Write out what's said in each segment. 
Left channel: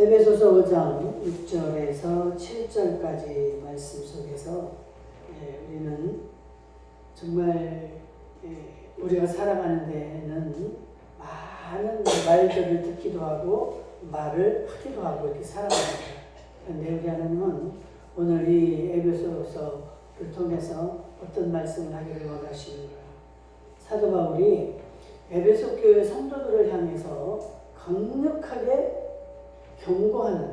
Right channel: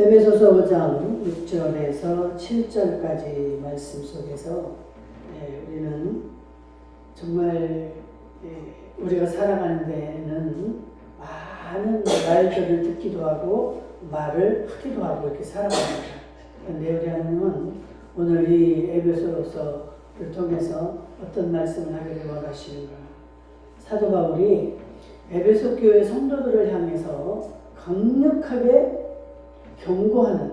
에베소서 5장 6절에서 7절까지 말씀 속에서 우리는 정말 우리가 살아가는 데는 많은 말들을 듣기도 하고 말을 하기도 하고 이렇게 살아갑니다. 그런데 우리 하나님은 오늘 이 에베소서를 통해서 어떤 말씀을 하기를 원하시는가. 사도 바울이 에베소 교회 성도들을 향해서 강력하게 경고하는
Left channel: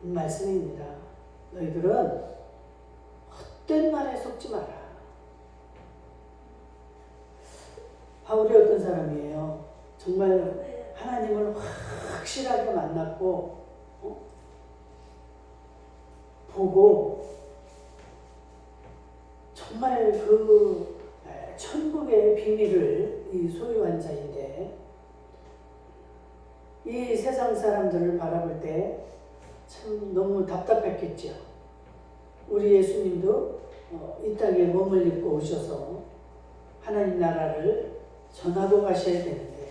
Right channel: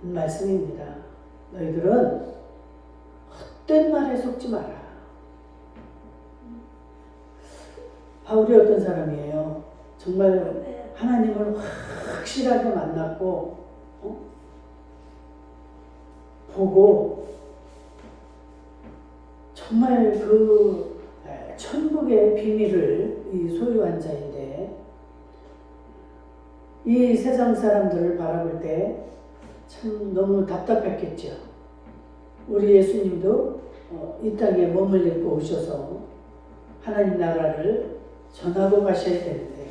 말씀입니다. 너희들은 헛된 말에 속지 마라. 바울이 어떤 사람이에요? 정말 하나님을 확실하게 만났고 보고 정말 그 천국의 비밀을 소유한 자인데 이 세상 사람들을 바라볼 때 참 너무 답답했겠죠. 우리 예수님도 이 땅에 몸을 입고 오셔서 하나님 나라를 전하고 가셔야 되는데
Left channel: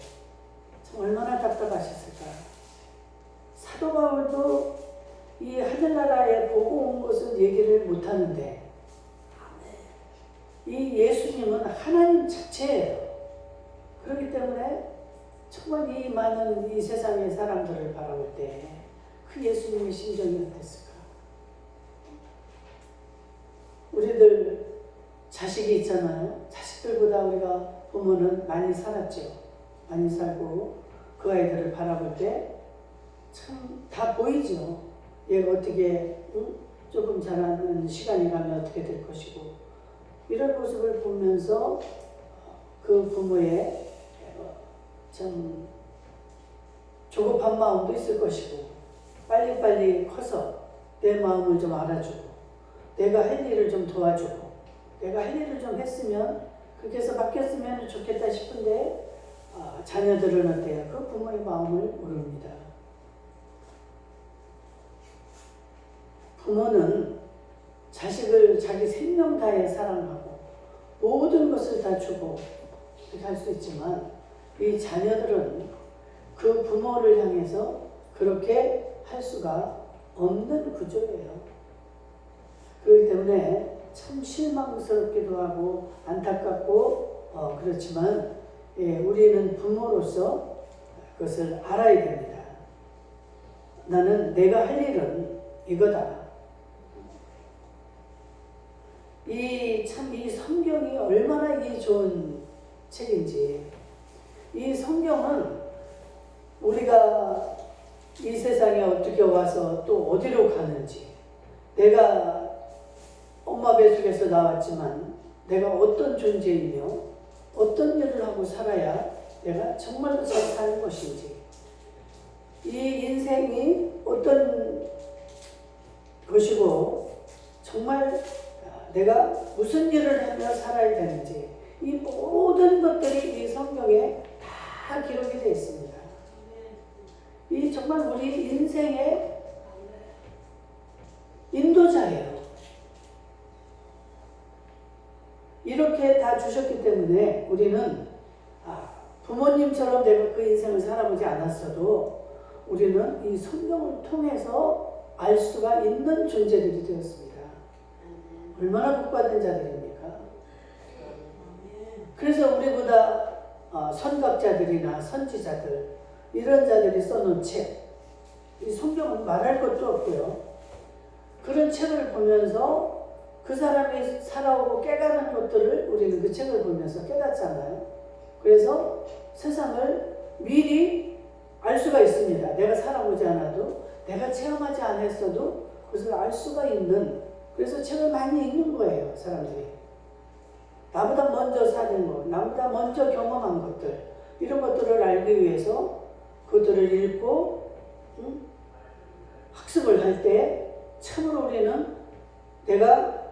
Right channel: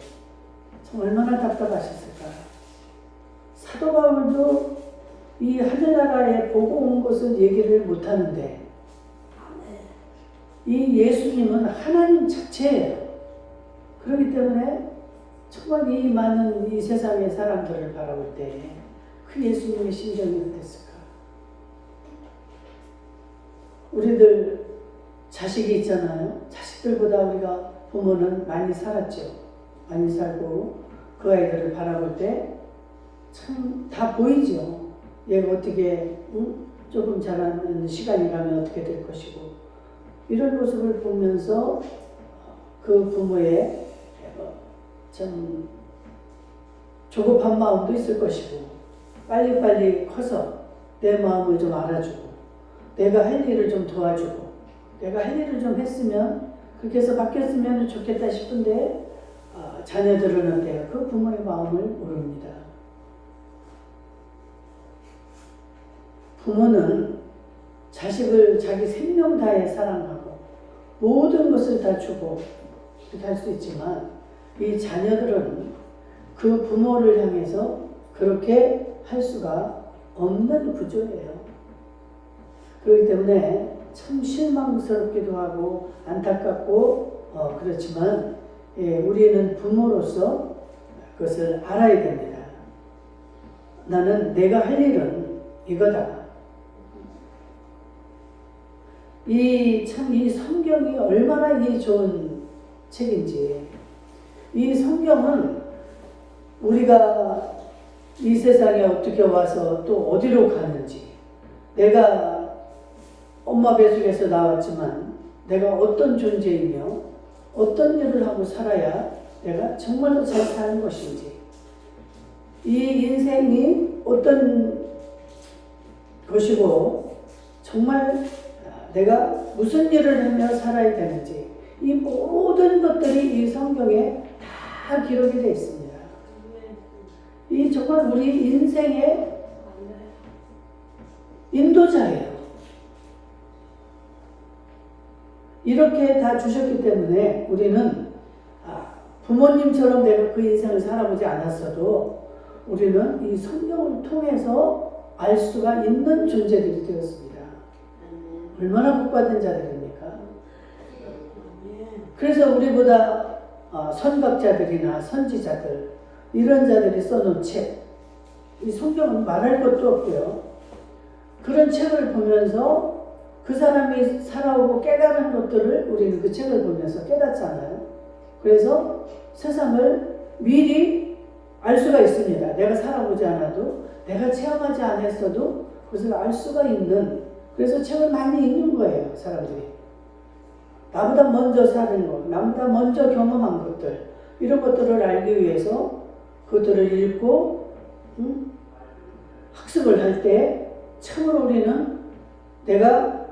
참 얼마나 답답하셨을까. 사도 바울도 이 하늘나라에 보고 온 것은 얘기를 못하는데 이 예수님은 하나님 자체예요. 그렇기 때문에 정말 이 많은 이 세상의 사람들을 바라볼 때 그 예수님의 심정이 어땠을까? 우리들 자식이 있잖아요. 자식들보다 우리가 부모는 많이 살았죠. 많이 살고 그 아이들을 바라볼 때 참 다 보이죠. 얘가 어떻게 조금 자라는 시간이 가면 어떻게 될 것이고 이런 모습을 보면서 그 부모의 참 조급한 마음도 있을 것이고 빨리빨리 커서 내 마음을 좀 알아주고 내가 할 일을 좀 도와주고 내가 할 일을 좀 했으면 그렇게 해서 바뀌었으면 좋겠다 싶은데 자녀들은 어때요? 그 부모의 마음을 모릅니다. 부모는 자식을 자기 생명 다해 사랑하고 모든 것을 다 주고 이렇게 할 수 있지만 이 자녀들은 그 부모를 향해서 그렇게 할 수가 없는 구조예요. 그렇기 때문에 참 실망스럽기도 하고 안타깝고 그렇지만 우리는 부모로서 그것을 알아야 됩니다. 나는 내가 할 일은 이거다. 이 성경이 얼마나 이 좋은 책인지. 이 성경은 우리가 이 세상에 어떻게 와서 또 어디로 가는지, 내가 엄마 뱃속에서 나왔지만 내가 어떤 존재이며 어떤 일을 하고 살아야 내가 정말로 잘 사는 것인지, 이 인생이 어떤 것이고 정말 내가 무슨 일을 하며 살아야 되는지, 이 모든 것들이 이 성경에 다 기록이 되어 있습니다. 이 정말 우리 인생의 인도자예요. 이렇게 다 주셨기 때문에 우리는 부모님처럼 내가 그 인생을 살아보지 않았어도 우리는 이 성경을 통해서 알 수가 있는 존재들이 되었습니다. 얼마나 복받은 자들입니까? 그래서 우리보다 선각자들이나 선지자들 이런 자들이 써놓은 책, 이 성경은 말할 것도 없고요. 그런 책을 보면서 그 사람이 살아오고 깨달은 것들을 우리는 그 책을 보면서 깨닫잖아요. 그래서 세상을 미리 알 수가 있습니다. 내가 살아보지 않아도, 내가 체험하지 않았어도 그것을 알 수가 있는, 그래서 책을 많이 읽는 거예요, 사람들이. 나보다 먼저 사는 것, 나보다 먼저 경험한 것들, 이런 것들을 알기 위해서 그것들을 읽고 학습을 할 때 참으로 우리는 내가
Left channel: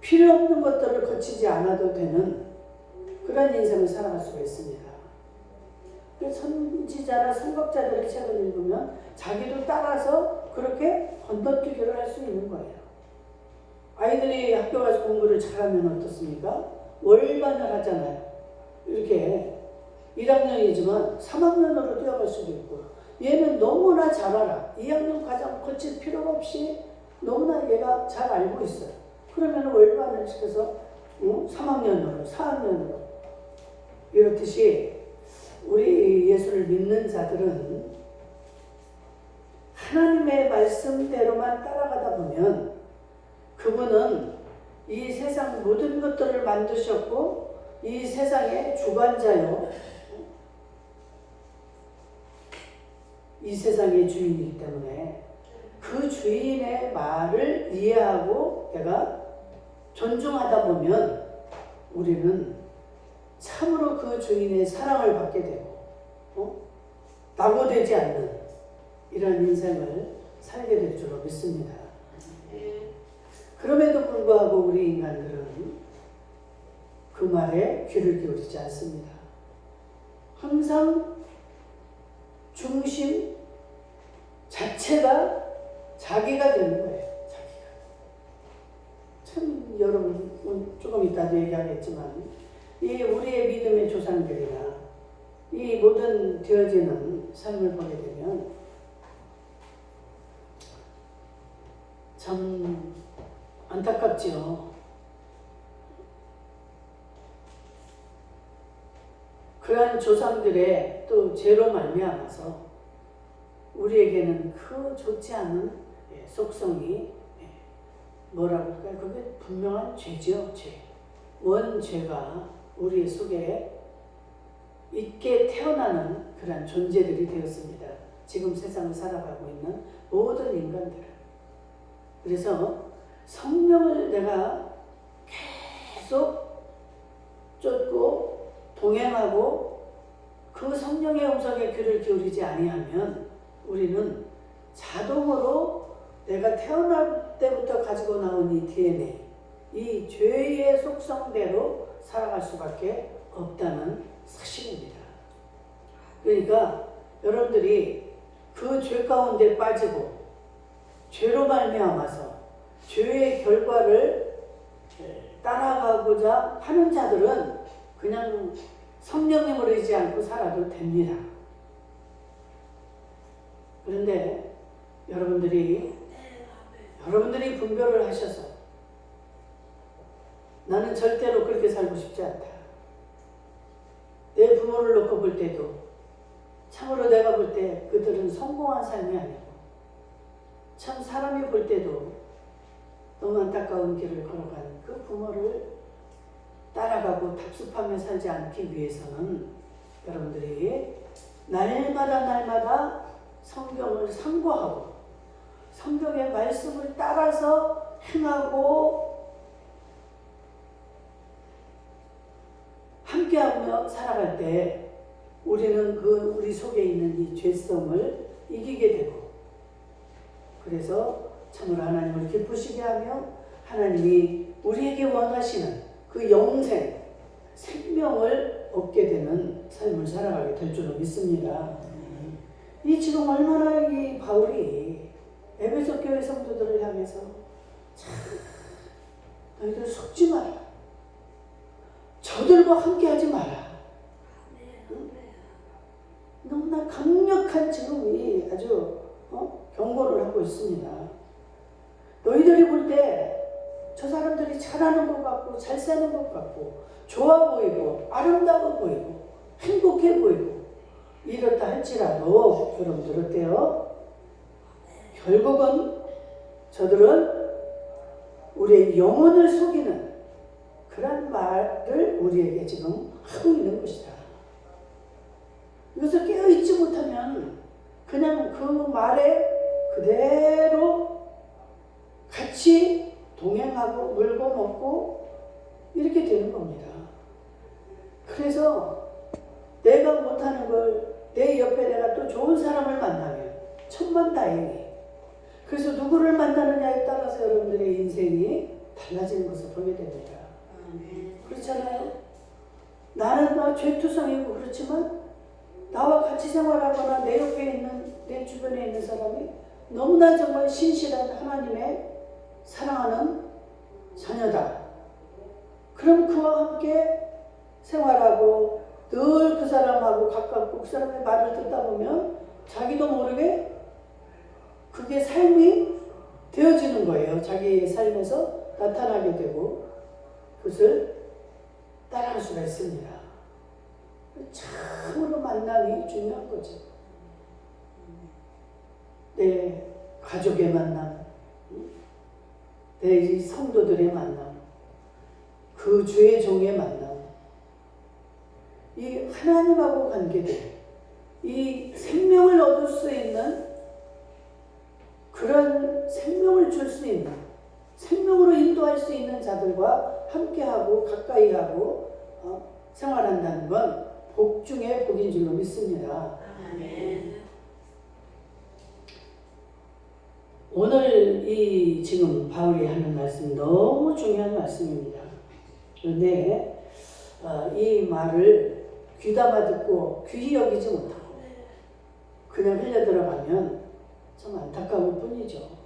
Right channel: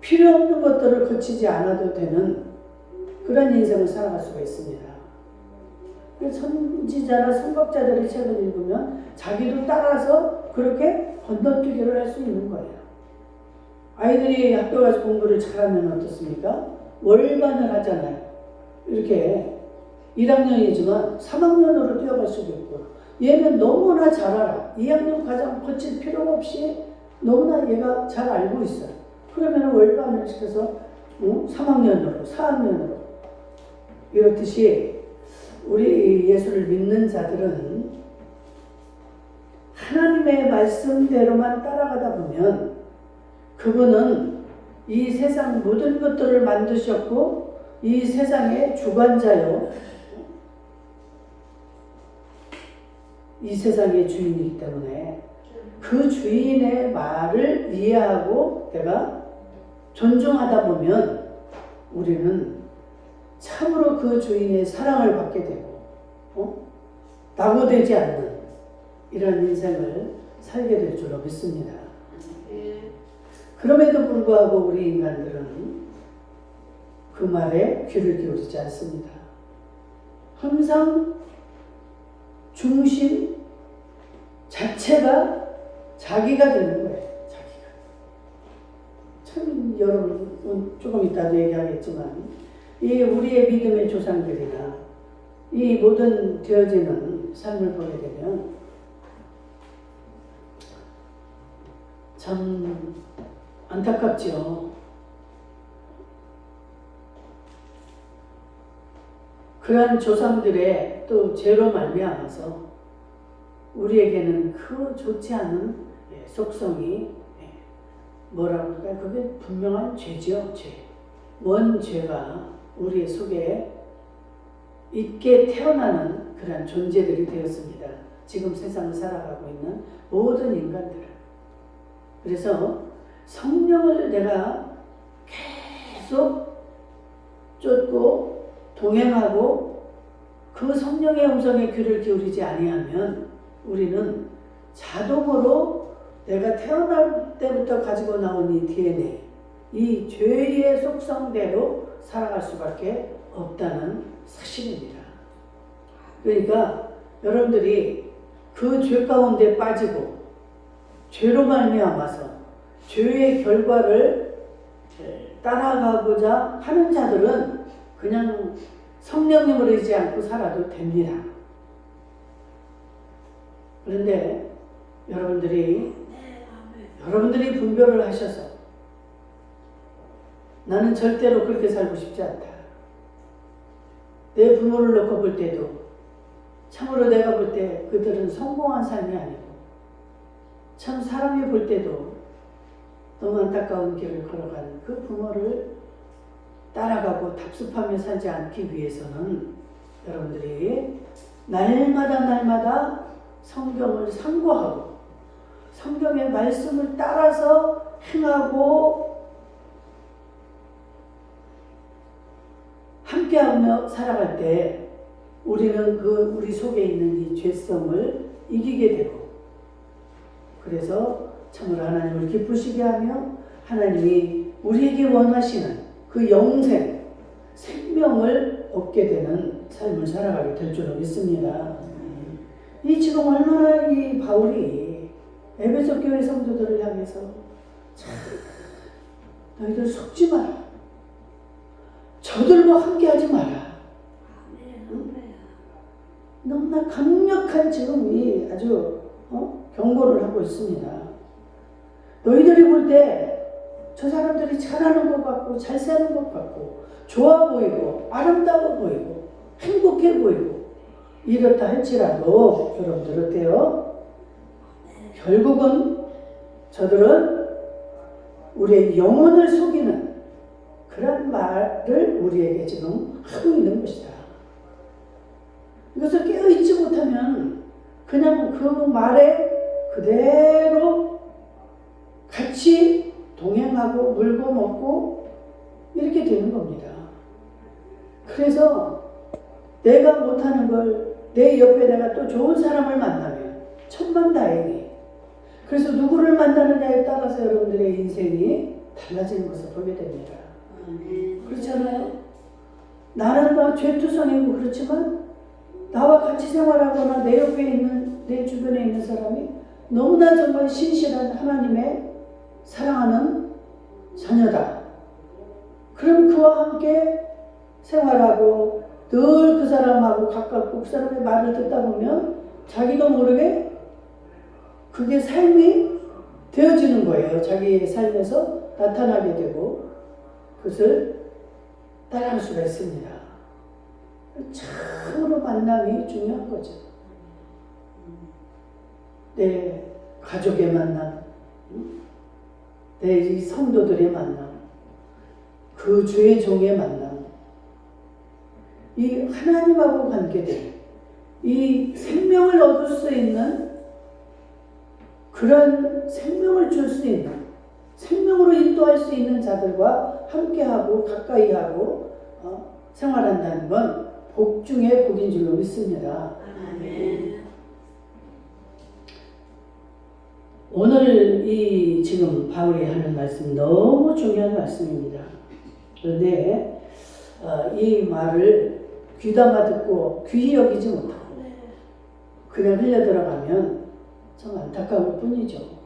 필요 없는 것들을 거치지 않아도 되는 그런 인생을 살아갈 수가 있습니다. 선지자나 선각자들의 책을 읽으면 자기도 따라서 그렇게 건너뛰기를 할 수 있는 거예요. 아이들이 학교 가서 공부를 잘하면 어떻습니까? 월반을 하잖아요. 이렇게 1학년이지만 3학년으로 뛰어갈 수도 있고 얘는 너무나 잘 알아. 2학년 과정 거칠 필요가 없이 너무나 얘가 잘 알고 있어요. 그러면 월반을 시켜서 3학년으로 4학년으로 이렇듯이 우리 예수를 믿는 자들은 하나님의 말씀대로만 따라가다 보면 그분은 이 세상 모든 것들을 만드셨고 이 세상의 주관자요 이 세상의 주인이기 때문에 그 주인의 말을 이해하고 내가 존중하다 보면 우리는 참으로 그 주인의 사랑을 받게 되고 낙오되지 않는 이런 인생을 살게 될 줄로 믿습니다. 그럼에도 불구하고 우리 인간들은 그 말에 귀를 기울이지 않습니다. 항상 중심 자체가 자기가 되는 거예요. 자기가. 참 여러분 조금 이따도 얘기하겠지만 이 우리의 믿음의 조상들이나 이 모든 되어지는 삶을 보게 되면 참 안타깝지요. 그러한 조상들의 또 죄로 말미암아서 우리에게는 그 좋지 않은 속성이 뭐라고 할까요? 그게 분명한 죄죠. 죄. 원죄가 우리 속에 있게 태어나는 그런 존재들이 되었습니다. 지금 세상을 살아가고 있는 모든 인간들은. 그래서 성령을 내가 계속 쫓고 동행하고 그 성령의 음성에 귀를 기울이지 아니하면 우리는 자동으로 내가 태어날 때부터 가지고 나온 이 DNA, 이 죄의 속성대로 살아갈 수밖에 없다는 사실입니다. 그러니까 여러분들이 그 죄 가운데 빠지고 죄로 말미암아서 죄의 결과를 따라가고자 하는 자들은 그냥 성령님을 의지 않고 살아도 됩니다. 그런데 여러분들이 분별을 하셔서 나는 절대로 그렇게 살고 싶지 않다. 내 부모를 놓고 볼 때도 참으로 내가 볼 때 그들은 성공한 삶이 아니고 참 사람이 볼 때도 너무 안타까운 길을 걸어가는 그 부모를 따라가고 답습하며 살지 않기 위해서는 여러분들이 날마다 성경을 상고하고 성경의 말씀을 따라서 행하고 함께하며 살아갈 때 우리는 우리 속에 있는 이 죄성을 이기게 되고 그래서 참으로 하나님을 기쁘시게 하며 하나님이 우리에게 원하시는 그 영생, 생명을 얻게 되는 삶을 살아가게 될 줄로 믿습니다. 이 지금 얼마나 이 바울이 에베소 교회 성도들을 향해서 참 너희들 속지 마라. 저들과 함께하지 마라. 너무나 강력한 지금 이 아주 경고를 하고 있습니다. 너희들이 볼 때 저 사람들이 잘하는 것 같고 잘 사는 것 같고 좋아 보이고 아름다워 보이고 행복해 보이고 이렇다 할지라도 여러분들 어때요? 결국은 저들은 우리의 영혼을 속이는 그런 말을 우리에게 지금 하고 있는 것이다. 이것을 깨어있지 못하면 그냥 그 말에 그대로 같이 동행하고 물고 먹고 이렇게 되는 겁니다. 그래서 내가 못하는 걸 내 옆에 내가 또 좋은 사람을 만나면 천만다행히 그래서 누구를 만나느냐에 따라서 여러분들의 인생이 달라지는 것을 보게 됩니다. 그렇잖아요. 나는 다 죄투성이고 그렇지만 나와 같이 생활하거나 내 옆에 있는 내 주변에 있는 사람이 너무나 정말 신실한 하나님의 사랑하는 자녀다. 그럼 그와 함께 생활하고 늘 그 사람하고 가깝고 그 사람의 말을 듣다 보면 자기도 모르게 그게 삶이 되어지는 거예요. 자기의 삶에서 나타나게 되고 그것을 따라갈 수가 있습니다. 참으로 만남이 중요한 거죠. 내 가족의 만남, 내 이 성도들의 만남, 그 주의 종의 만남, 이 하나님하고 관계된 이 생명을 얻을 수 있는 그런 생명을 줄 수 있는 생명으로 인도할 수 있는 자들과 함께하고 가까이하고 생활한다는 건 복 중에 복인 줄로 믿습니다. 아멘. 오늘 이 지금 바울이 하는 말씀 너무 중요한 말씀입니다. 그런데 이 말을 귀담아 듣고 귀히 여기지 못하고 그냥 흘려 들어가면 참 안타까울 뿐이죠.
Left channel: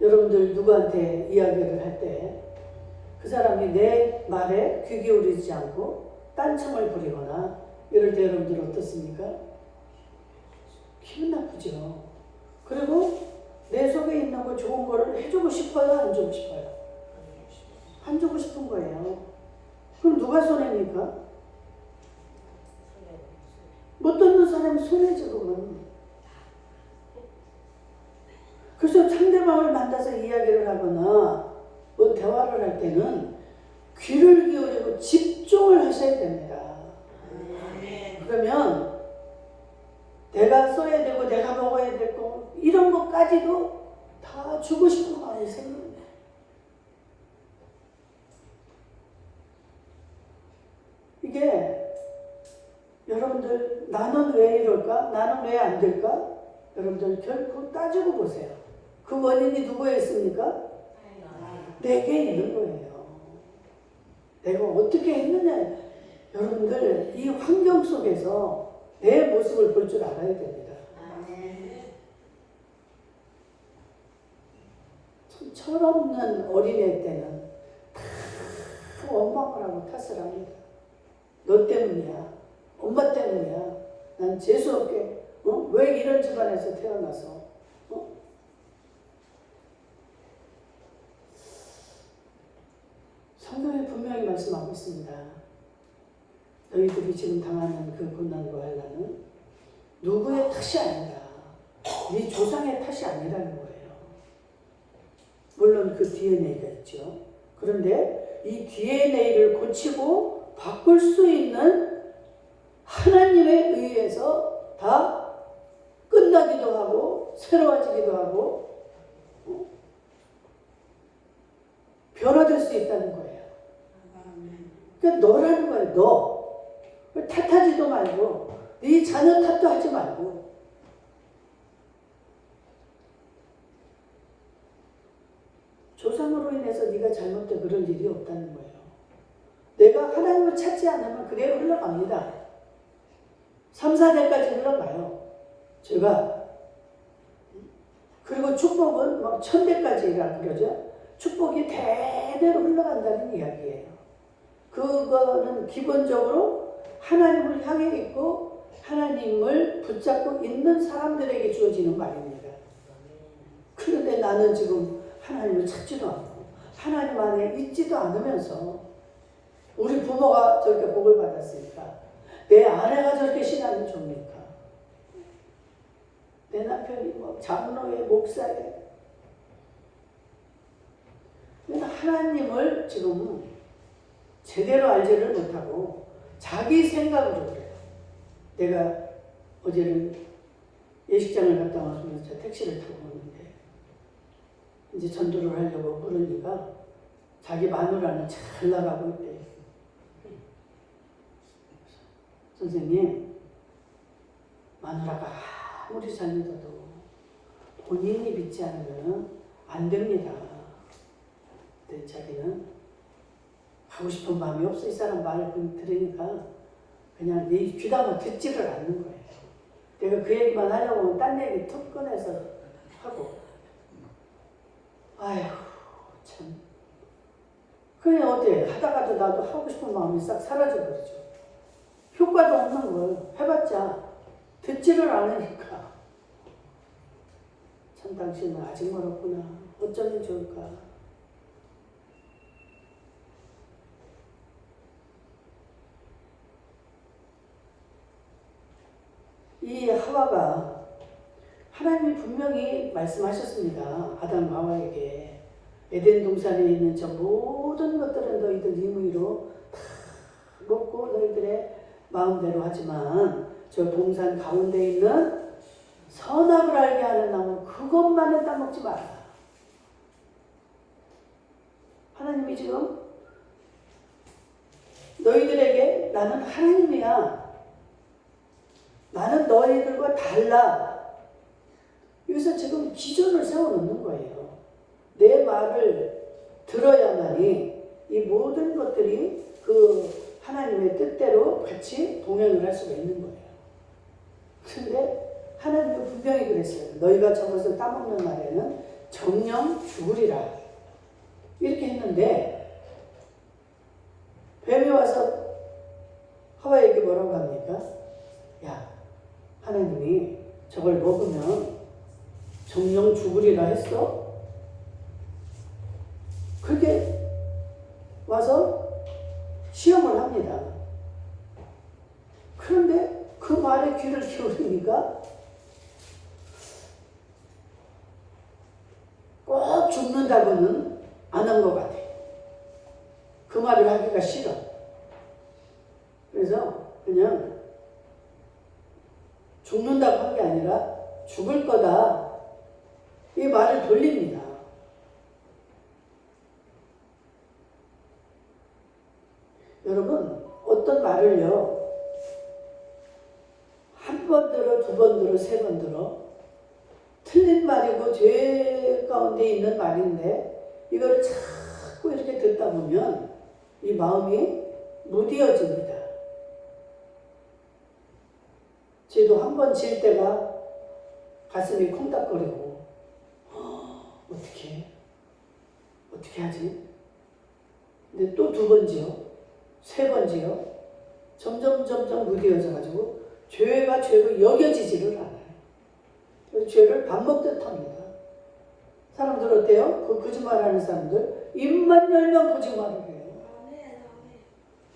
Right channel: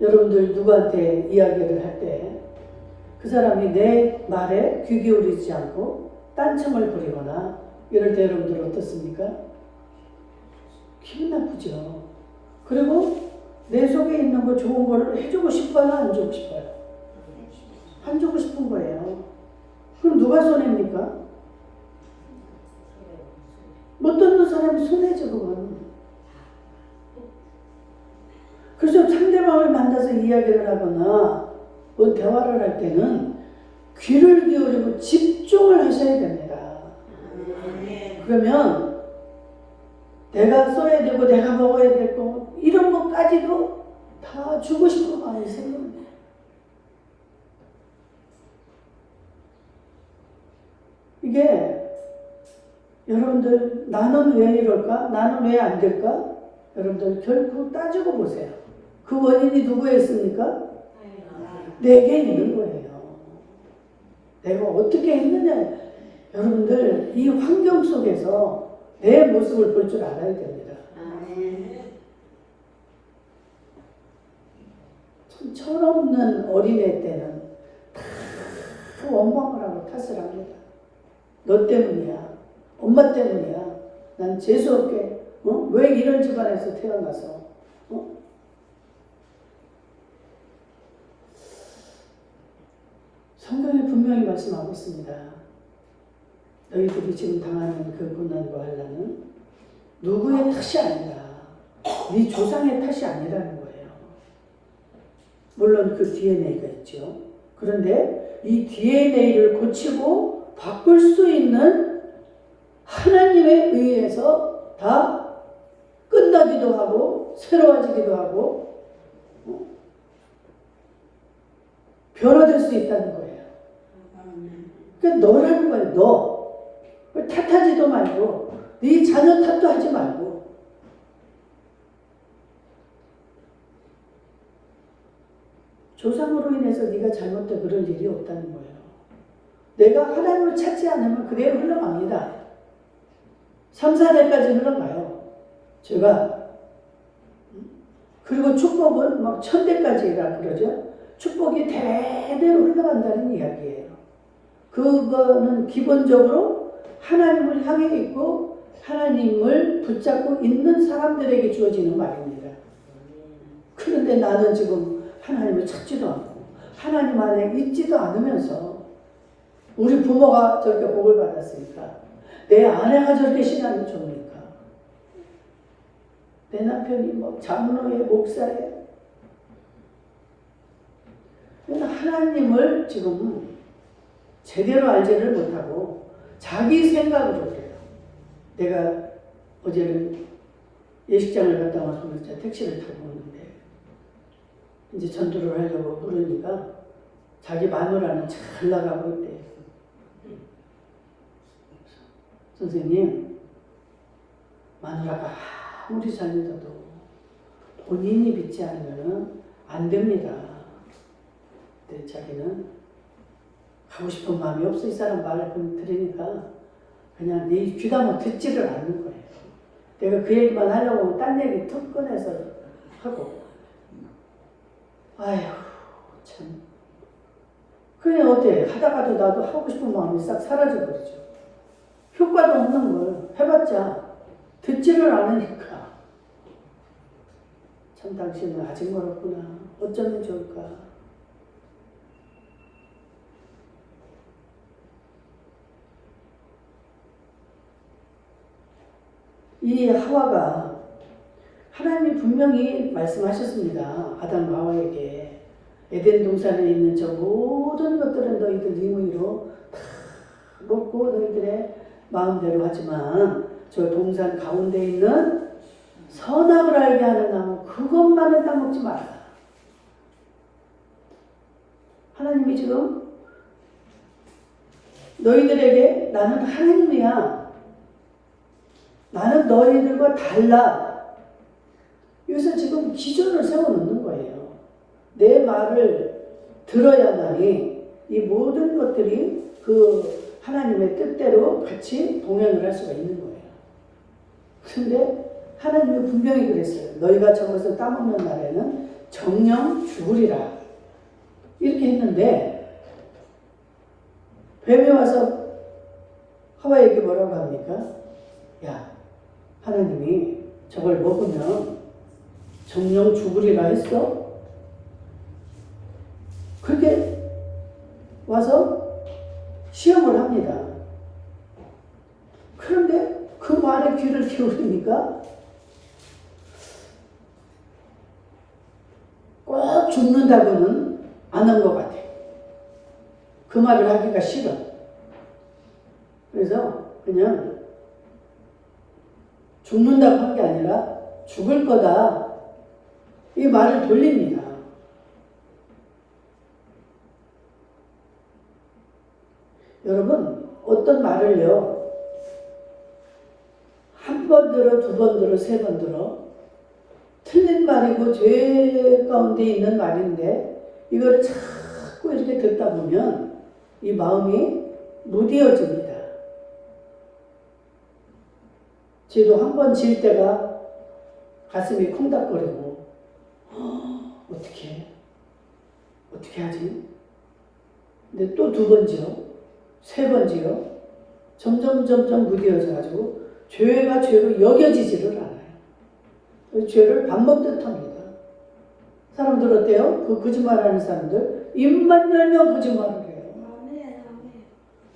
여러분들 누구한테 이야기를 할 때 그 사람이 내 말에 귀 기울이지 않고 딴청을 부리거나 이럴 때 여러분들 어떻습니까? 기분 나쁘죠. 그리고 내 속에 있는 거 좋은 거를 해주고 싶어요? 안 주고 싶어요? 안 주고 싶은 거예요. 그럼 누가 손해입니까? 못 듣는 사람이 손해죠, 그건. 그래서 상대방을 만나서 이야기를 하거나 뭐 대화를 할 때는 귀를 기울이고 집중을 하셔야 됩니다. 그러면 내가 써야 되고 내가 먹어야 되고 이런 것까지도 다 주고 싶은 마음이 생깁니다. 이게 여러분들 나는 왜 이럴까? 나는 왜 안 될까? 여러분들 결코 따지고 보세요. 그 원인이 누구에 있습니까? 내게 있는 거예요. 내가 어떻게 했느냐. 여러분들 이 환경 속에서 내 모습을 볼 줄 알아야 됩니다. 참 철없는 어린애 때는 다 원망을 하고 탓을 합니다. 너 때문이야. 엄마 때문이야. 난 재수없게 왜 이런 집안에서 태어나서 성경에 분명히 말씀하고 있습니다. 너희들이 지금 당하는 그 고난과 환난은 누구의 탓이 아니라 네 조상의 탓이 아니라는 거예요. 물론 그 DNA가 있죠. 그런데 이 DNA를 고치고 바꿀 수 있는 하나님에 의해서 다 끝나기도 하고 새로워지기도 하고 변화될 수 있다는 거예요. 그러니까 너라는 거예요. 너. 탓하지도 말고 네 자녀 탓도 하지 말고 조상으로 인해서 네가 잘못돼 그럴 일이 없다는 거예요. 내가 하나님을 찾지 않으면 그대로 흘러갑니다. 3, 4대까지 흘러가요. 제가 그리고 축복은 막 1000대까지라 그러죠. 축복이 대대로 흘러간다는 이야기예요. 그거는 기본적으로 하나님을 향해 있고 하나님을 붙잡고 있는 사람들에게 주어지는 말입니다. 그런데 나는 지금 하나님을 찾지도 않고 하나님 안에 있지도 않으면서 우리 부모가 저렇게 복을 받았으니까 내 아내가 저렇게 신앙이 좋으니까 내 남편이 뭐 장로에 목사에 하나님을 지금 제대로 알지를 못하고 자기 생각으로 그래요. 내가 어제는 예식장을 갔다 와서 택시를 타고 오는데 이제 전도를 하려고 그러니까 자기 마누라는 잘 나가고 있대. 선생님, 마누라가 아무리 잘 믿어도 본인이 믿지 않으면 안 됩니다. 근데 자기는 가고 싶은 마음이 없어. 이 사람 말을 들으니까 그냥 네 귀담아 듣지를 않는 거예요. 내가 그 얘기만 하려고 하면 딴 얘기 툭 꺼내서 하고 아휴 참 그냥 어때? 하다가도 나도 하고 싶은 마음이 싹 사라져버리죠. 효과도 없는 걸 해봤자 듣지를 않으니까. 참 당신은 아직 멀었구나. 어쩌면 좋을까. 이 하와가 하나님이 분명히 말씀하셨습니다. 아담과 하와에게 에덴 동산에 있는 저 모든 것들은 너희들 임의로 다 먹고 너희들의 마음대로 하지만 저 동산 가운데 있는 선악을 알게 하는 나무 그것만은 따먹지 마라. 하나님이 지금 너희들에게 나는 하나님이야. 나는 너희들과 달라. 여기서 지금 기준을 세워놓는 거예요. 내 말을 들어야만이 이 모든 것들이 그 하나님의 뜻대로 같이 동행을 할 수가 있는 거예요. 그런데 하나님이 분명히 그랬어요. 너희가 저것을 따먹는 날에는 정령 죽으리라. 이렇게 했는데 뱀이 와서 하와에게 뭐라고 합니까? 야, 하나님이 저걸 먹으면 정령 죽으리라 했어? 그렇게 와서 시험을 합니다. 그런데 그 말에 귀를 기울이니까 꼭 죽는다고는 안 한 것 같아. 그 말을 하기가 싫어. 그래서 그냥 죽는다고 한 게 아니라 죽을 거다. 이 말을 돌립니다. 여러분, 어떤 말을요, 한 번 들어, 두 번 들어, 세 번 들어, 틀린 말이고 죄 가운데 있는 말인데, 이걸 자꾸 이렇게 듣다 보면 이 마음이 무뎌집니다. 저도 한 번 질 때가 가슴이 콩닥거리고, 어떻게 하지? 근데 또 두 번 지요. 세 번 지요. 점점 무뎌져 가지고 죄가 죄로 여겨지지를 않아요. 죄를 밥 먹듯 합니다. 사람들 어때요? 그 거짓말하는 사람들 입만 열면 거짓말을 해요.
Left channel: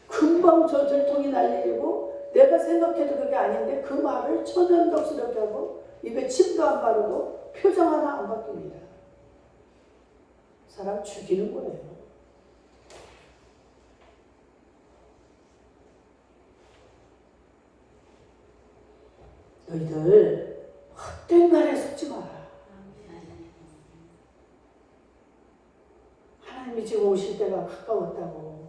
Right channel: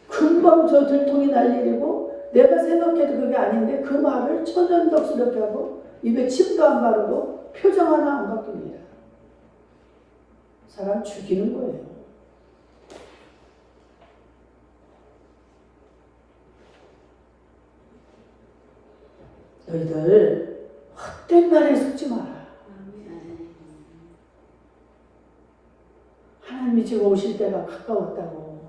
금방 저 들통이 날 일이고 내가 생각해도 그게 아닌데 그 말을 천연덕스럽게 하고 입에 침도 안 바르고 표정 하나 안 바뀝니다. 사람 죽이는 거예요. 너희들 헛된 말에 속지 마라. 하나님이 지금 오실 때가 가까웠다고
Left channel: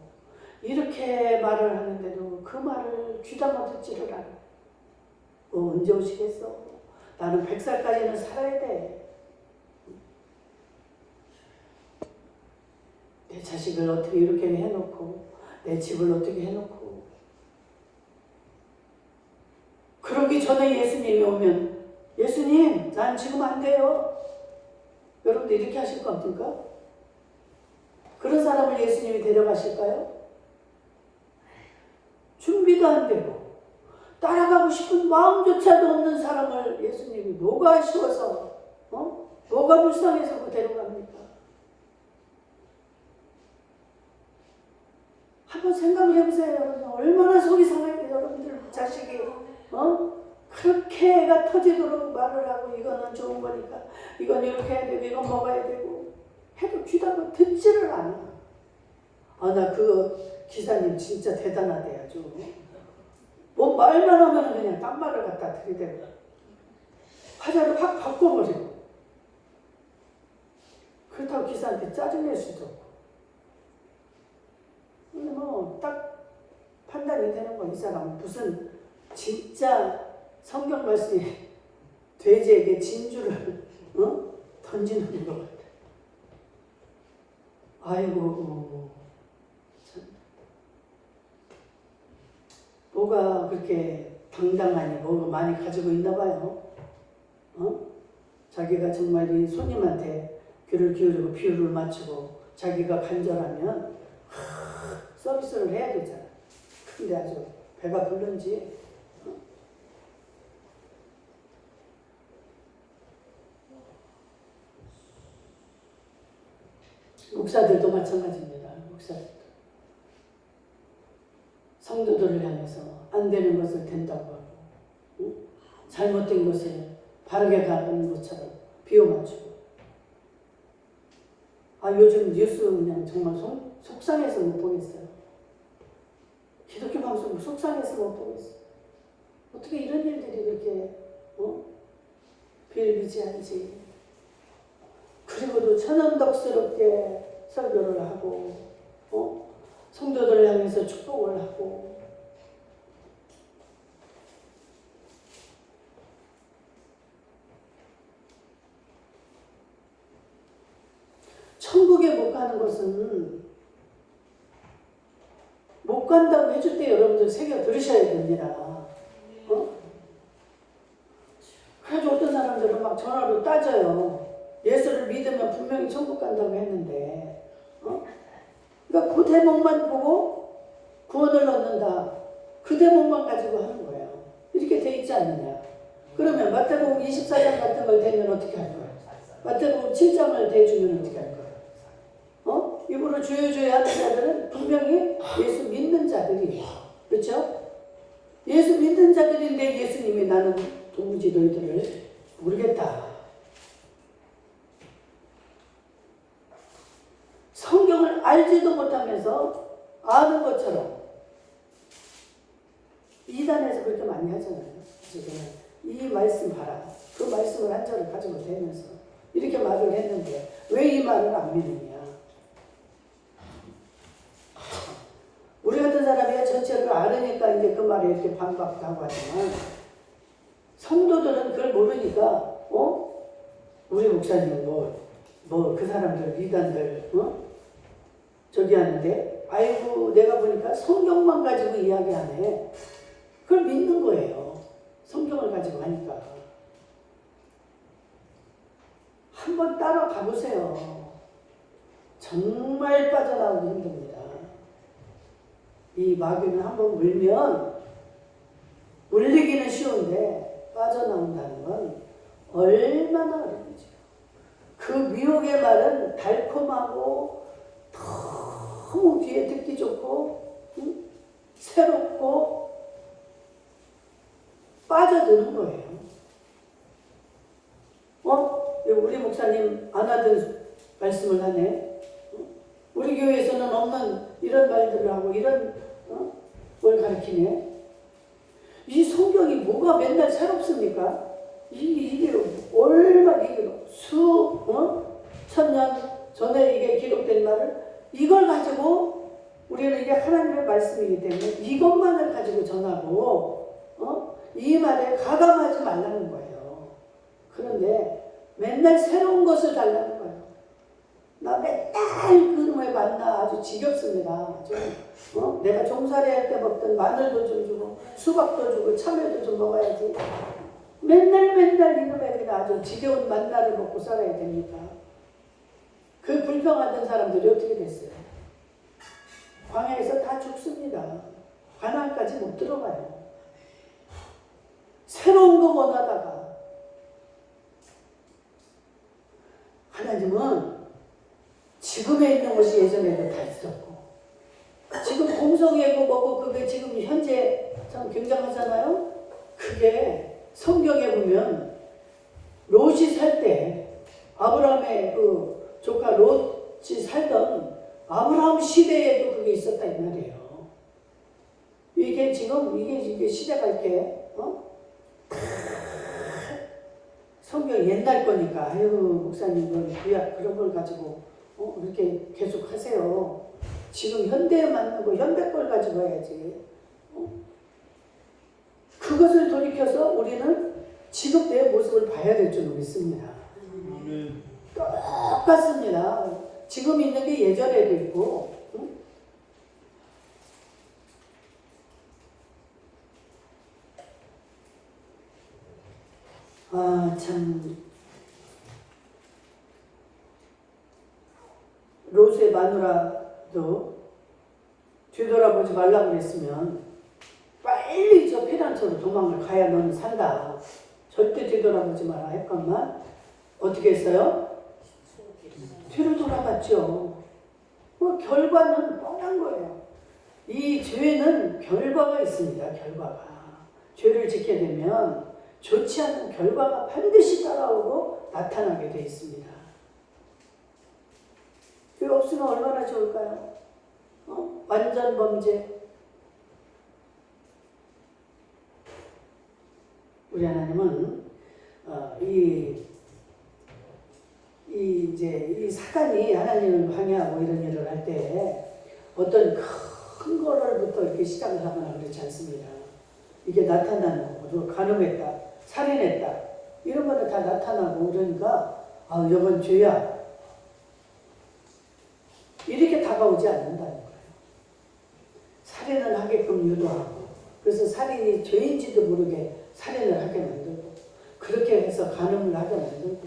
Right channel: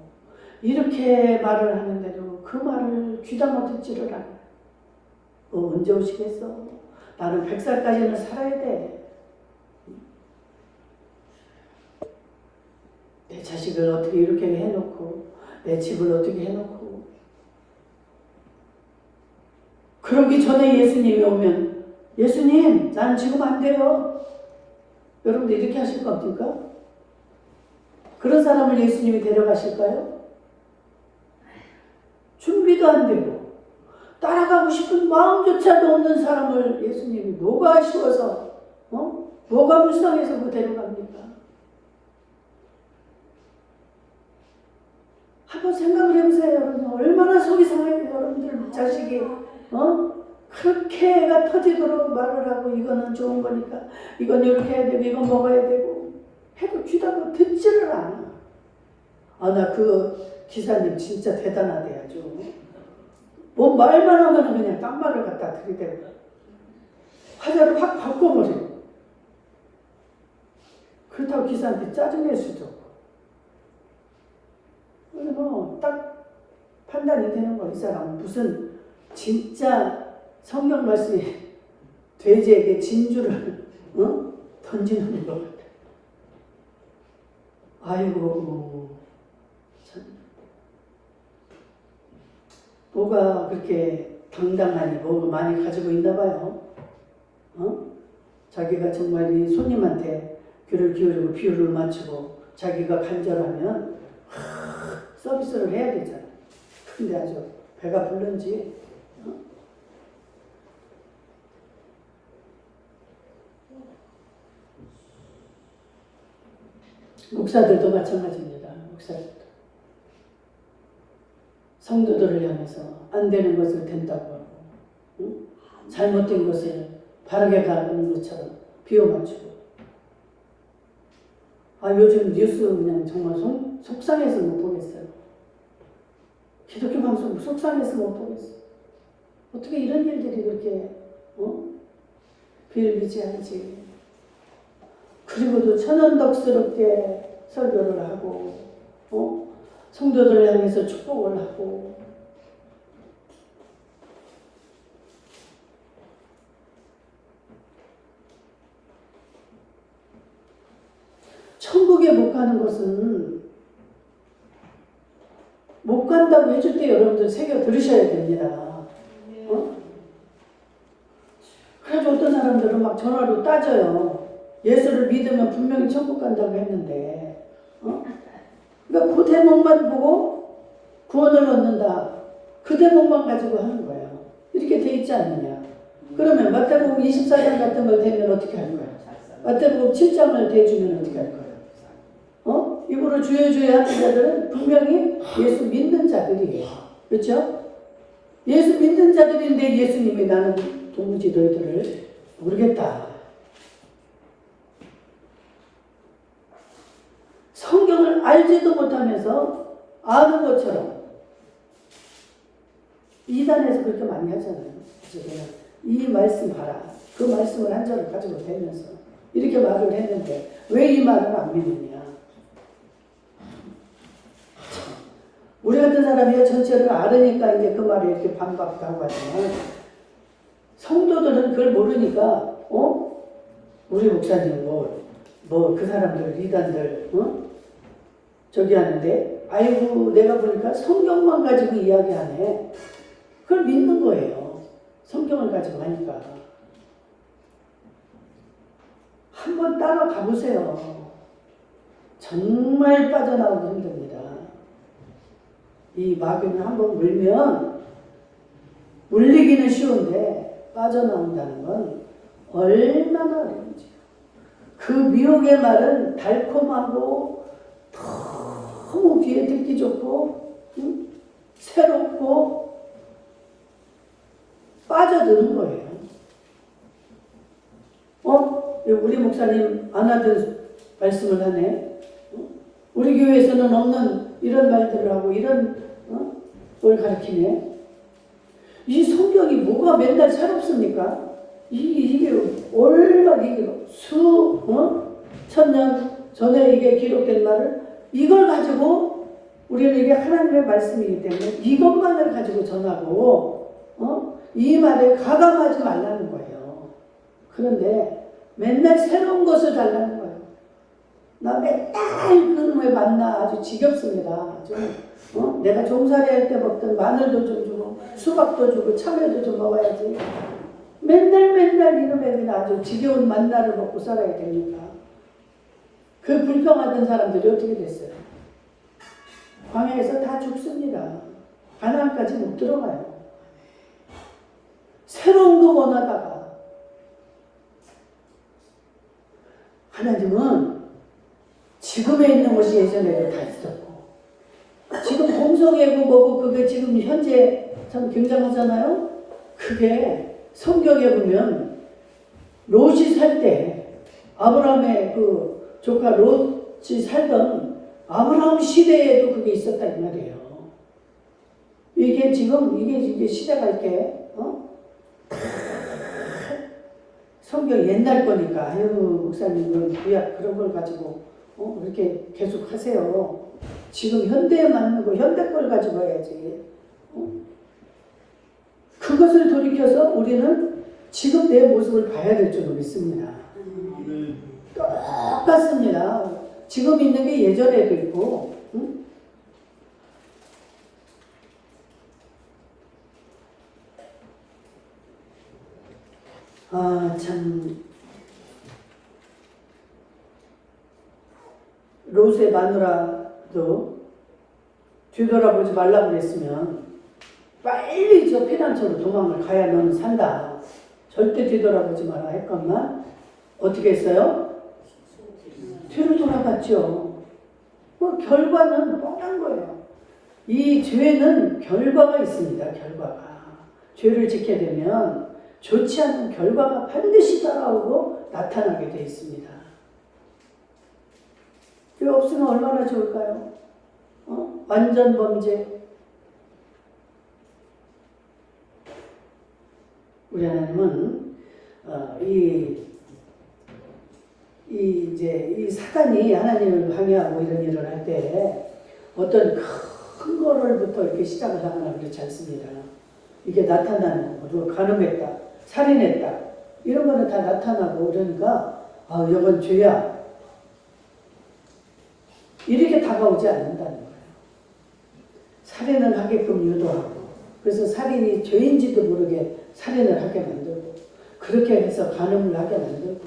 이렇게 말을 하는데도 그 말을 귀담아 듣지를 않아. 언제 오시겠어? 나는 100살까지는 살아야 돼. 내 자식을 어떻게 이렇게 해놓고 내 집을 어떻게 해놓고 그러기 전에 예수님이 오면 예수님 난 지금 안 돼요. 여러분들 이렇게 하실 겁니까? 그런 사람을 예수님이 데려가실까요? 준비도 안 되고 따라가고 싶은 마음조차도 없는 사람을 예수님이 뭐가 아쉬워서 뭐가 불쌍해서 그 데려갑니까? 한번 생각을 해보세요. 여러분. 얼마나 속이 상해요. 여러분들 자식이 그렇게 애가 터지도록 말을 하고 이거는 좋은 거니까 이건 이렇게 해야 되고 이건 먹어야 되고 해도 귀담아 듣지를 않아. 나 그 기사님 진짜 대단하대 아주. 뭐 말만 하면 그냥 딴 말을 갖다 들이대고 화자를 확 바꿔버려. 그렇다고 기사한테 짜증낼 수도 없고. 근데 딱 판단이 되는 거야. 이 사람은 무슨 진짜 성경 말씀이 돼지에게 진주를 던지는 것 같아. 아이고 참. 뭐가 그렇게 당당하니 뭐가 많이 가지고 있나 봐요. 자기가 정말 이 손님한테 귀를 기울이고 비율을 맞추고 자기가 간절하면 서비스를 해야 되잖아. 근데 아주 배가 불른지 목사들도 마찬가지입니다. 목사들도 성도들을 향해서 안 되는 것을 된다고 하고, 응? 잘못된 것을 바르게 가는 것처럼 비워 맞추고. 요즘 뉴스 그냥 정말 속상해서 못 보겠어요. 기독교 방송 속상해서 못 보겠어요. 어떻게 이런 일들이 그렇게 비일비재한지. 그리고도 천연덕스럽게 설교를 하고 성도들을 향해서 축복을 하고. 천국에 못 가는 것은 못 간다고 해줄 때 여러분들 새겨 들으셔야 됩니다. 그래서 어떤 사람들은 막 전화로 따져요. 예수를 믿으면 분명히 천국 간다고 했는데, 그러니까 그 대목만 보고 구원을 얻는다. 그 대목만 가지고 하는 거예요. 이렇게 돼 있지 않느냐. 그러면 마태복음 24장 같은 걸 대면 어떻게 할 거예요? 마태복음 7장을 대주면 어떻게 할 거예요? 입으로 주여 주여 하는 자들은 분명히 예수 믿는 자들이에요. 그렇죠? 예수 믿는 자들인데 예수님이 나는 도무지 너희들을 모르겠다. 성경을 알지도 못하면서 아는 것처럼 이단에서 그렇게 많이 하잖아요. 그래서 내가 이 말씀 봐라. 그 말씀을 한 절을 가지고 대면서 이렇게 말을 했는데 왜 이 말을 안 믿느냐. 우리 같은 사람이 전체를 알으니까 이제 그 말에 이렇게 반박도 하고 하지만 성도들은 그걸 모르니까 우리 목사님 뭐 그 사람들 이단들 저기 하는데 아이고 내가 보니까 성경만 가지고 이야기하네. 그걸 믿는 거예요. 성경을 가지고 하니까. 한번 따라가 보세요. 정말 빠져나오기 힘듭니다. 이 마귀는 한번 물면 물리기는 쉬운데 빠져나온다는 건 얼마나 어려운지. 그 미혹의 말은 달콤하고 너무 귀에 듣기 좋고 새롭고 빠져드는 거예요. 우리 목사님 안 하던 말씀을 하네. 우리 교회에서는 없는 이런 말들을 하고 이런 걸 가르치네. 이 성경이 뭐가 맨날 새롭습니까? 이게 얼마 천년 전에 이게 기록된 말을 이걸 가지고 우리는 이게 하나님의 말씀이기 때문에 이것만을 가지고 전하고 이 말에 가감하지 말라는 거예요. 그런데 맨날 새로운 것을 달라는 거예요. 나 맨날 그놈에 만나 아주 지겹습니다. 내가 종살이 할 때 먹던 마늘도 좀 주고 수박도 주고 참외도 좀 먹어야지. 맨날 이놈에 아주 지겨운 만나를 먹고 살아야 됩니까? 그 불평하던 사람들이 어떻게 됐어요? 광야에서 다 죽습니다. 가나안까지 못 들어가요. 새로운 거 원하다가 하나님은 지금에 있는 것이 예전에도 다 있었고 지금 동성애고 뭐고 그게 지금 현재 참 굉장하잖아요. 그게 성경에 보면 롯이 살 때 아브라함의 그 조카 롯이 살던 아브라함 시대에도 그게 있었다 이 말이에요. 이게 지금 이게 시대가 이렇게 성경 옛날 거니까 아유 목사님은 구약 그런 걸 가지고 그렇게 계속 하세요. 지금 현대에 맞는 거 현대 걸 가지고 해야지. 그것을 돌이켜서 우리는 지금 내 모습을 봐야 될 줄 믿습니다. 똑같습니다. 지금 있는 게 예전에도 있고 참 롯의 마누라도 뒤돌아보지 말라고 그랬으면 빨리 저 피난처로 도망을 가야 너는 산다. 절대 뒤돌아보지 마라 했건만 어떻게 했어요? 뒤로 돌아갔죠. 뭐 결과는 뻔한 거예요. 이 죄는 결과가 있습니다. 결과가. 죄를 짓게 되면 좋지 않은 결과가 반드시 따라오고 나타나게 되어 있습니다. 죄 없으면 얼마나 좋을까요? 완전 범죄. 우리 하나님은 이 사단이 하나님을 방해하고 이런 일을 할 때 어떤 큰 거를부터 이렇게 시작을 하거나 그렇지 않습니다. 이게 나타나는 거고, 간음했다, 살인했다, 이런 거는 다 나타나고 그러니까 이건 죄야. 이렇게 다가오지 않는다는 거예요. 살인을 하게끔 유도하고, 그래서 살인이 죄인지도 모르게 살인을 하게 만들고, 그렇게 해서 간음을 하게 만들고,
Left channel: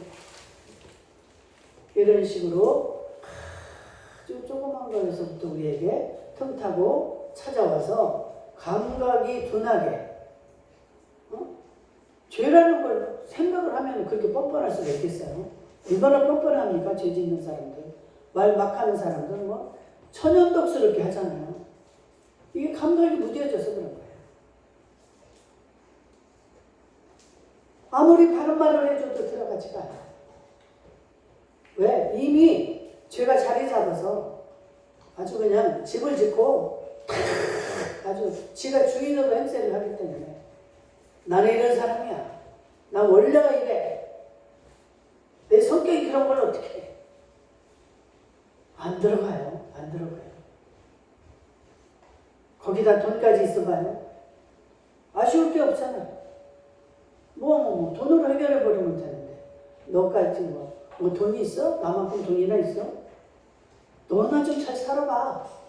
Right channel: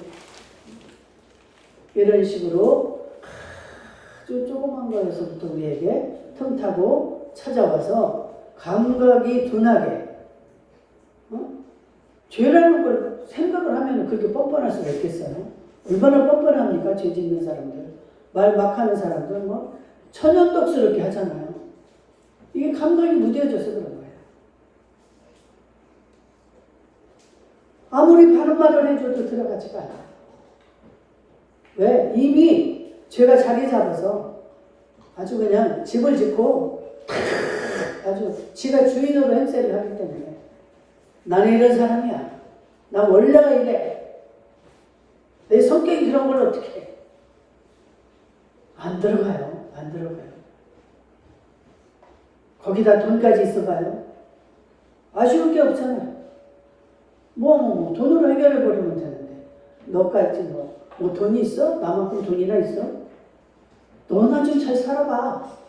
이런 식으로 아주 조그만 거에서부터 우리에게 틈타고 찾아와서 감각이 둔하게, 죄라는 걸 생각을 하면 그렇게 뻔뻔할 수가 있겠어요? 얼마나 뻔뻔합니까? 죄 짓는 사람들, 말 막 하는 사람들, 천연덕스럽게 하잖아요. 이게 감각이 무뎌져서 그런 거예요. 아무리 바른 말을 해줘도 들어가지가 않아요. 왜? 이미 죄가 자리 잡아서 아주 그냥 집을 짓고 아주 지가 주인으로 행세를 하기 때문에 나는 이런 사람이야. 나 원래가 이래. 내 성격이 그런 걸 어떻게 해? 안 들어가요. 안 들어가요. 거기다 돈까지 있어봐요. 아쉬울 게 없잖아요. 돈으로 해결해버리면 되는데 너까지 돈이 있어? 나만큼 돈이나 있어? 너나 좀 잘 살아봐.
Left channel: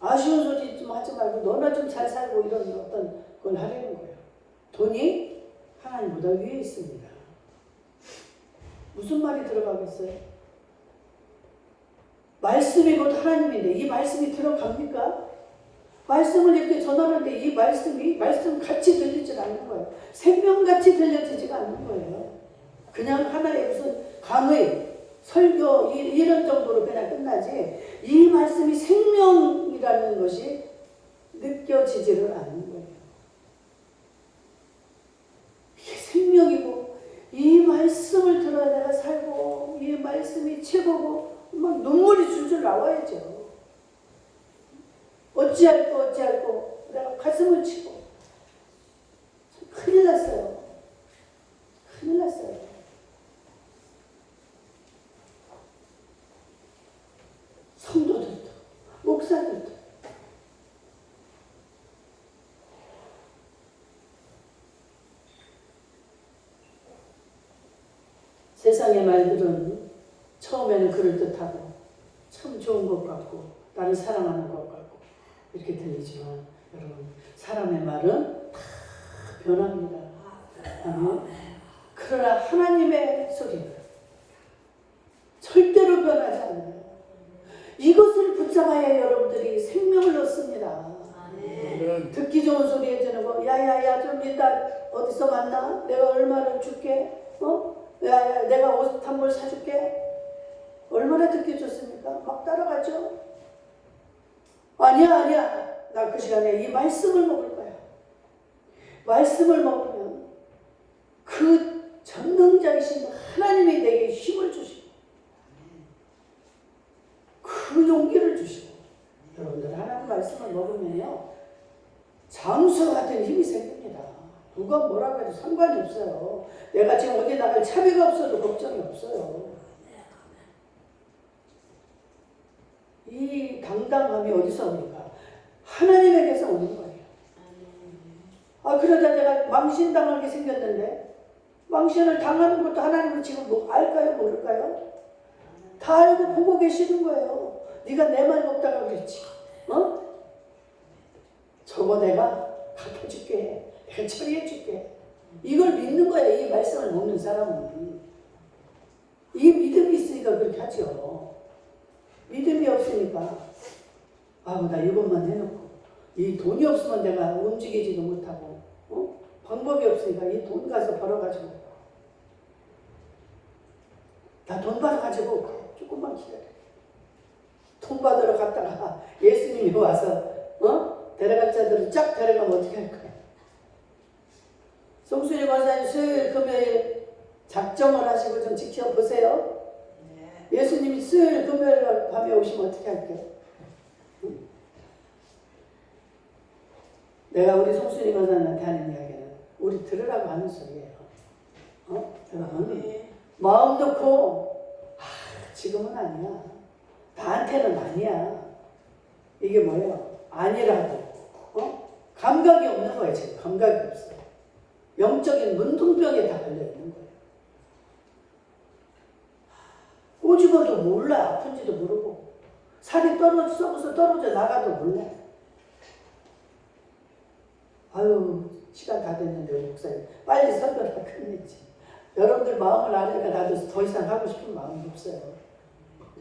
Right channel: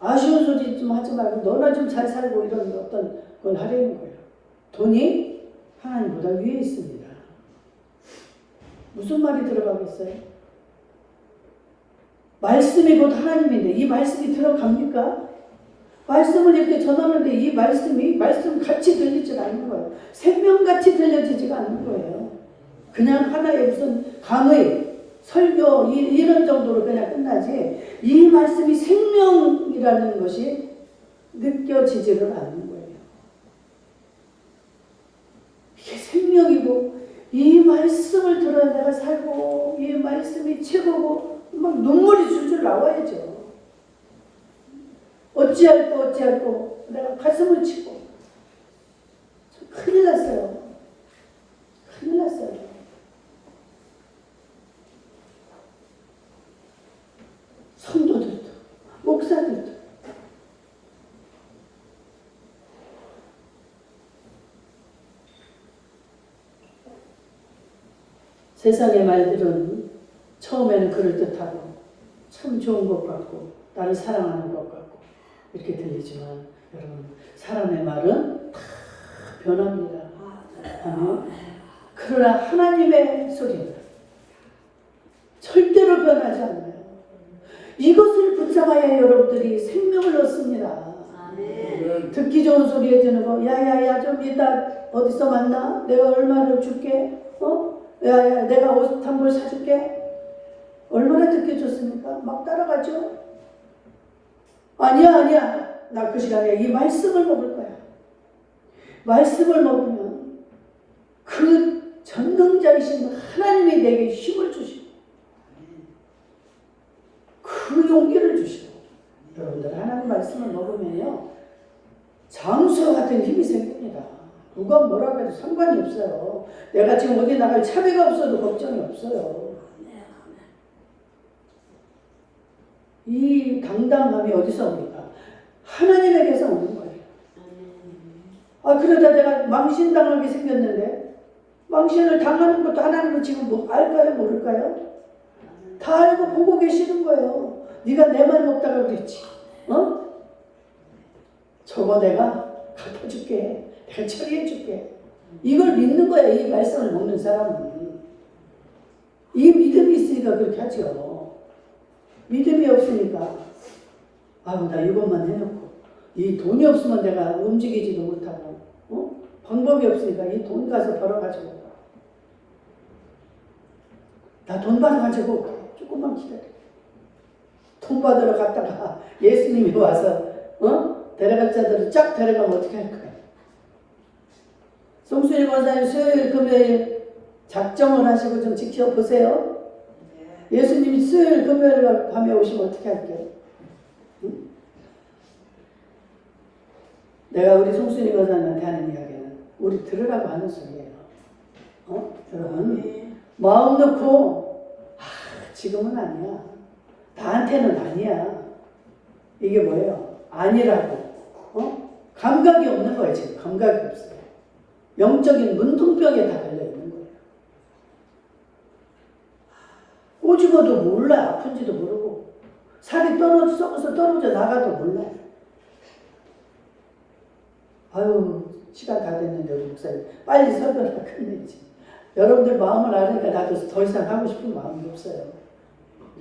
아쉬운 소리 좀 하지 말고 너나 좀 잘 살고 이런 어떤 걸 하려는 거예요. 돈이 하나님보다 위에 있습니다. 무슨 말이 들어가겠어요? 말씀이 곧 하나님인데 이 말씀이 들어갑니까? 말씀을 이렇게 전하는데 이 말씀 같이 들리지 않는 거예요. 생명같이 들려지지가 않는 거예요. 그냥 하나의 무슨 강의, 설교 이런 정도로 그냥 끝나지 이 말씀이 생명이라는 것이 느껴지지를 않는 거예요. 이게 생명이고 이 말씀을 들어야 내가 살고 이 말씀이 최고고 막 눈물이 줄줄 나와야죠. 어찌할꼬 내가 가슴을 치고 큰일 났어요. 큰일 났어요. 성도들도 목사들도 세상의 말들은 처음에는 그럴듯하고 참 좋은 것 같고 나를 사랑하는 것 같고 이렇게 들리지만 여러분 사람의 말은 다 변합니다. 아멘. 그러나 하나님의 소리는 절대로 변하지 않아요. 이것을 붙잡아야 여러분들이 생명을 얻습니다. 듣기 좋은 소리 해주는 거, 야야야 좀 이따 어디서 만나? 내가 얼마를 줄게? 야야 내가 옷 한 벌 사줄게? 얼마나 듣기 좋습니까? 막 따라가죠? 아니야 나 그 시간에 이 말씀을 먹을 거야. 말씀을 먹으면 그 전능자이신 하나님이 내게 힘을 주시고 그 용기를 주시고 여러분들 하나님 말씀을 먹으면요 장수와 같은 힘이 생깁니다. 누가 뭐라고 해도 상관이 없어요. 내가 지금 어디 나갈 차비가 없어도 걱정이 없어요. 이 당당함이 어디서 옵니까? 하나님에게서 오는 거예요. 그러다 내가 망신당하게 생겼는데 망신을 당하는 것도 하나님은 지금 알까요? 모를까요? 다 알고 보고 계시는 거예요. 네가 내 말 먹다가 그랬지. 저거 내가 갚아줄게. 내가 처리해줄게. 이걸 믿는 거야. 이 말씀을 먹는 사람은. 이 믿음이 있으니까 그렇게 하죠. 믿음이 없으니까 아우 나 이것만 해놓고 이 돈이 없으면 내가 움직이지도 못하고 방법이 없으니까 이 돈 가서 벌어가지고 나 돈 받아가지고 조금만 기다려. 돈 받으러 갔다가 예수님이 와서 데려갈 자들을 쫙 데려가면 어떻게 할 거야? 송수일 권사님 수요일 금요일 작정을 하시고 좀 지켜보세요. 예수님이 수요일 금요일 밤에 오시면 어떻게 할게요? 응? 내가 우리 송수일 권사님한테 하는 이야기는 우리 들으라고 하는 소리예요. 여러분 마음 놓고 지금은 아니야. 나한테는 아니야. 이게 뭐예요? 아니라고. 감각이 없는 거예요. 지금 감각이 없어요. 영적인 문둥병에 다 걸려있는 거예요. 꼬집어도 몰라. 아픈지도 모르고 살이 썩어서 떨어져 나가도 몰라. 아유 시간 다 됐는데 우리 목사님 빨리 설교를 끝내지. 여러분들 마음을 아니까 나도 더 이상 하고 싶은 마음이 없어요.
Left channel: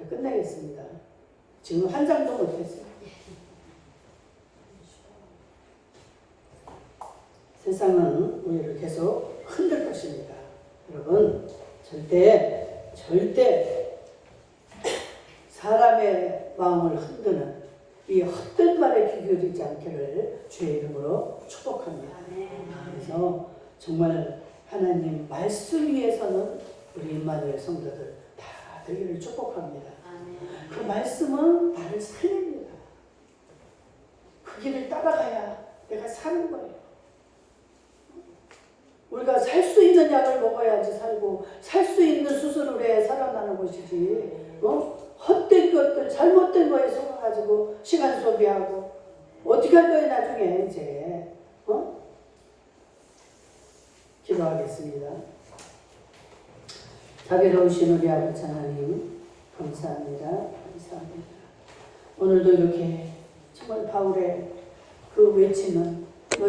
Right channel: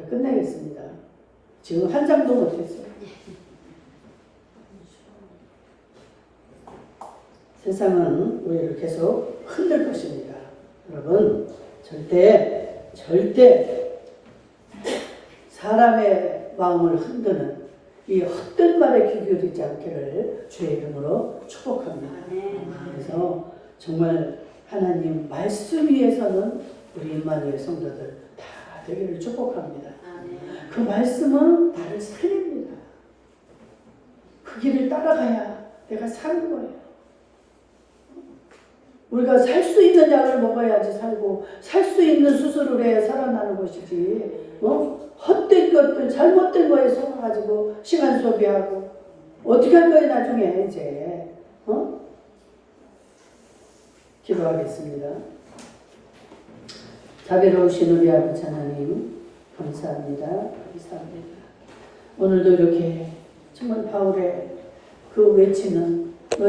끝내겠습니다. 지금 한 장도 못했어요. 세상은 우리를 계속 흔들 것입니다. 여러분 절대 사람의 마음을 흔드는 이 헛된 말에 귀 기울이지 않기를 주의 이름으로 축복합니다. 그래서 정말 하나님 말씀 위에서는 우리 임마누엘 성도들 다 되기를 축복합니다. 그 말씀은 나를 살립니다. 그 길을 따라가야 내가 사는 거예요. 우리가 살 수 있는 약을 먹어야지 살고 살 수 있는 수술을 해야 살아나는 것이지 헛된 것들 잘못된 거에 속아가지고 시간 소비하고 어떻게 할 거예요 나중에 이제 기도하겠습니다. 자비로우신 우리 아버지 하나님 감사합니다. 감사합니다. 오늘도 이렇게 정말 바울의 그 외치는